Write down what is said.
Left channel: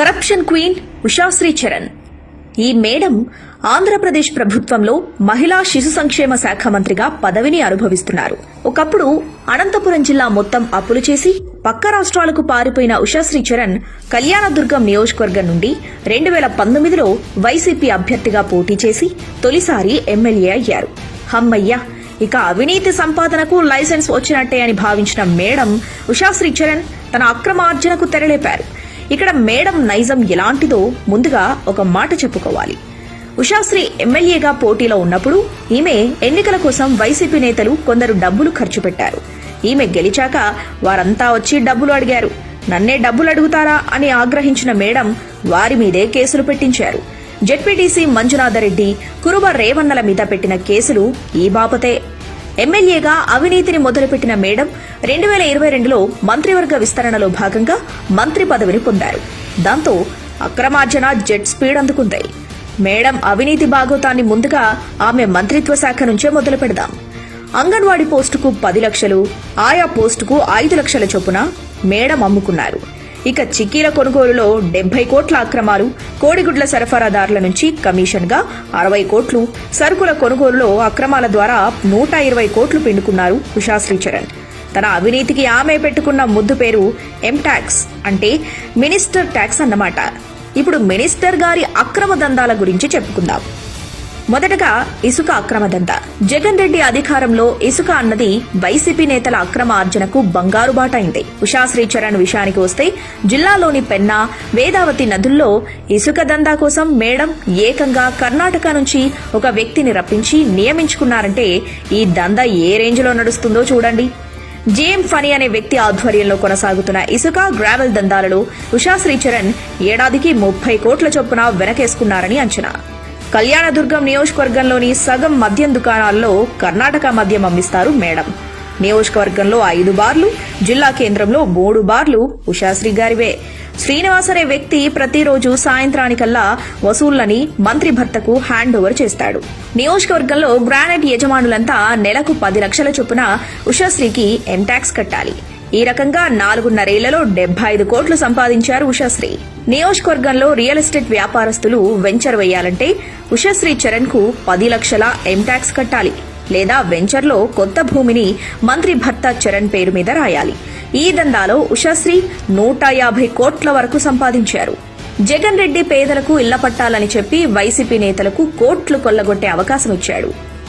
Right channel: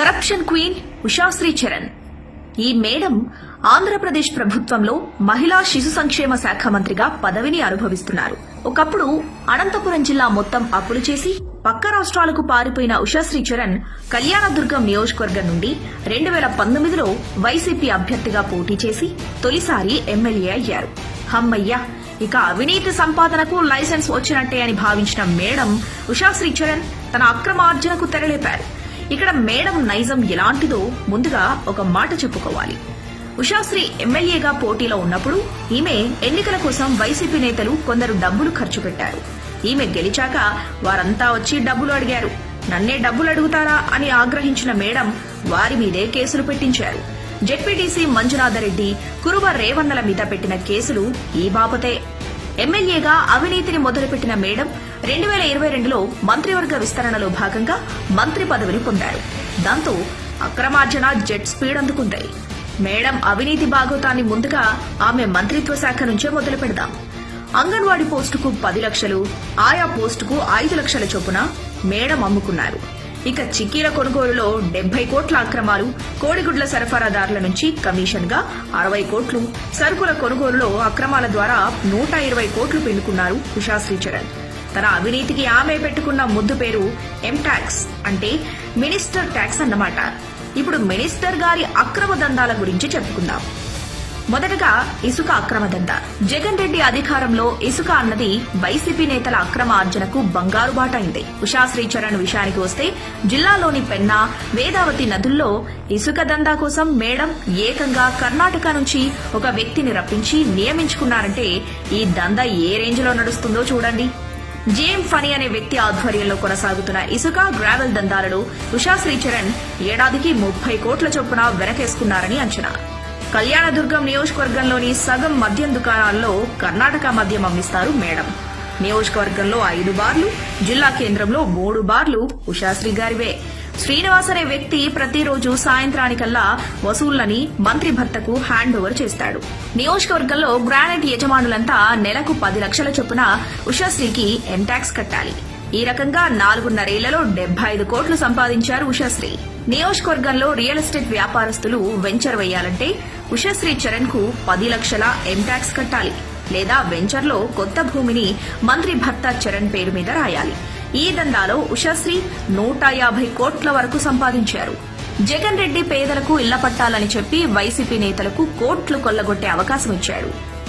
Corruption queen Ushasri Charan ఈ madam Andhra Pradesh ప్రభుత్వంలో మహిళా శిశు సంక్షేమ శాఖ మంత్రిగా పదవిని అనుభవిస్తున్నారు. ఒకప్పుడు అనంతపురం జిల్లా మొత్తం అప్పులు చేసి పక్క రాష్ట్రాలకు పారిపోయిన ఉషాశ్రీ చరణ్ కళ్యాణదుర్గం నియోజకవర్గం నుండి రెండు వేల పంతొమ్మిదిలో వైసీపీ అభ్యర్థిగా పోటీ చేసి తొలిసారి ఎమ్మెల్యే అయ్యారు. హమ్మయ్య! ఇక అవినీతి సంపాదనకు లైసెన్స్ వచ్చినట్టే అని భావించిన మేడం ఉషాశ్రీ చరణ్ తన అక్రమార్జనకు తెరలేపారు. ఇక్కడ మేడం నైజం ఎలాంటిదో ముందుగా ఒక మాట చెప్పుకోవాలి. ఉషాశ్రీ ఎమ్మెల్యేగా పోటీలో ఉన్నప్పుడు ఈమె ఎన్నికల కోసం వైసీపీ నేతలు కొందరు డబ్బులు ఖర్చు పెట్టారు. ఈమె గెలిచాక వారంతా వచ్చి డబ్బులు అడిగారు. నన్నే డబ్బులు అడుగుతారా అని ఆగ్రహించిన మేడం వారి మీదే కేసులు పెట్టించారు. జెడ్పీటీసీ మంజునాథరెడ్డి కురువ రేవన్నల మీద పెట్టిన కేసులు ఈ బాపతే. ఎమ్మెల్యేగా అవినీతిని మొదలుపెట్టిన మేడం రెండు వేల ఇరవై రెండులో మంత్రివర్గ విస్తరణలో భాగంగా మంత్రి పదవిని పొందారు. దాంతో అక్రమార్జన జెట్ స్పీడ్ అందుకుంది. మేడం అవినీతి భాగోతాన్ని ముందుగా ఆమె మంత్రిత్వ శాఖ నుంచే మొదలు పెడదాం అంగన్వాడీ పోస్టుకు పది లక్షలు ఆయా పోస్టుకు ఐదు లక్షల చొప్పున మేడం అమ్ముకున్నారు. ఇక చిక్కీల కొనుగోలులో డెబ్బై కోట్ల అక్రమాలు కోడిగుడ్ల సరఫరాదారుల నుంచి కమిషన్గా అరవై కోట్లు సరుకుల కొనుగోలులో అక్రమాల ద్వారా నూట ఇరవై కోట్లు పిండుకున్నారు ఉషాశ్రీ చరణ్ తన అవినీతికి ఆమె పెట్టుకున్న ముద్దు పేరు ఎం ట్యాక్స్ అంటే మినిస్టర్ ట్యాక్స్ అన్నమాట. ఇప్పుడు మినిస్టర్ గారి అక్రమ దందాల గురించి చెప్పుకుందాం. మొదటగా ఇసుక అక్రమ దందా. జగన్ రెడ్డి అధికారంలో ఇసుక అన్నది వైసీపీ నేతల అక్రమ ఆర్జనకు బంగారు బాట అయింది. ఉషాశ్రీ చరణ్ విషయానికి వస్తే జిల్లాలోని పెన్నా వేదావతి నదుల్లో ఇసుక దందా కోసం మేడం ఏకంగా కర్ణాటక నుంచి ఒక వ్యక్తిని రప్పించి నియమించుకున్నారంటే ఈ దందా ఏ రేంజ్లో నడుస్తుందో చూడండి. జేఎం ఫనీ అనే వ్యక్తి ఆధ్వర్యంలో కొనసాగుతున్న ఇసుక గ్రావెల్ దందాలలో ఉషాశ్రీ చరణ్ ఏడాదికి ముప్పై కోట్ల చొప్పున వెనకేసుకున్నారని అంచనా. కళ్యాణదుర్గం నియోజకవర్గంలోని సగం మద్యం దుకాణాల్లో కర్ణాటక మద్యం అమ్మిస్తారు మేడం. నియోజకవర్గంలో ఐదు బార్లు జిల్లా కేంద్రంలో మూడు బార్లు ఉషాశ్రీ గారివే. శ్రీనివాస్ అనే వ్యక్తి ప్రతిరోజు సాయంత్రానికల్లా వసూళ్ళని మంత్రి భర్తకు హ్యాండ్ ఓవర్ చేస్తాడు. నియోజకవర్గంలో గ్రానైట్ యజమానులంతా నెలకు పది లక్షల చొప్పున ఉషాశ్రీకి ఎంటాక్స్ కట్టాలి. ఈ రకంగా నాలుగున్నరేళ్ళలో డెబ్బై ఐదు కోట్లు సంపాదించారు ఉషాశ్రీ. నియోజకవర్గంలో రియల్ ఎస్టేట్ వ్యాపారస్తులు వెంచర్ వేయాలంటే ఉషాశ్రీ చరణ్కు పది లక్షల ఎంటాక్స్ కట్టాలి లేదా వెంచర్లో కొత్త భూమిని మంత్రి భర్త చరణ్ పేరు మీద రాయాలి. ఈ దందాలో ఉషాశ్రీ నూట యాభై కోట్ల వరకు సంపాదించారు. జగన్ రెడ్డి పేదలకు ఇళ్ళ పట్టాలని చెప్పి వైసీపీ నేతలకు కోట్లు కొల్లగొట్టే అవకాశం ఇచ్చాడు.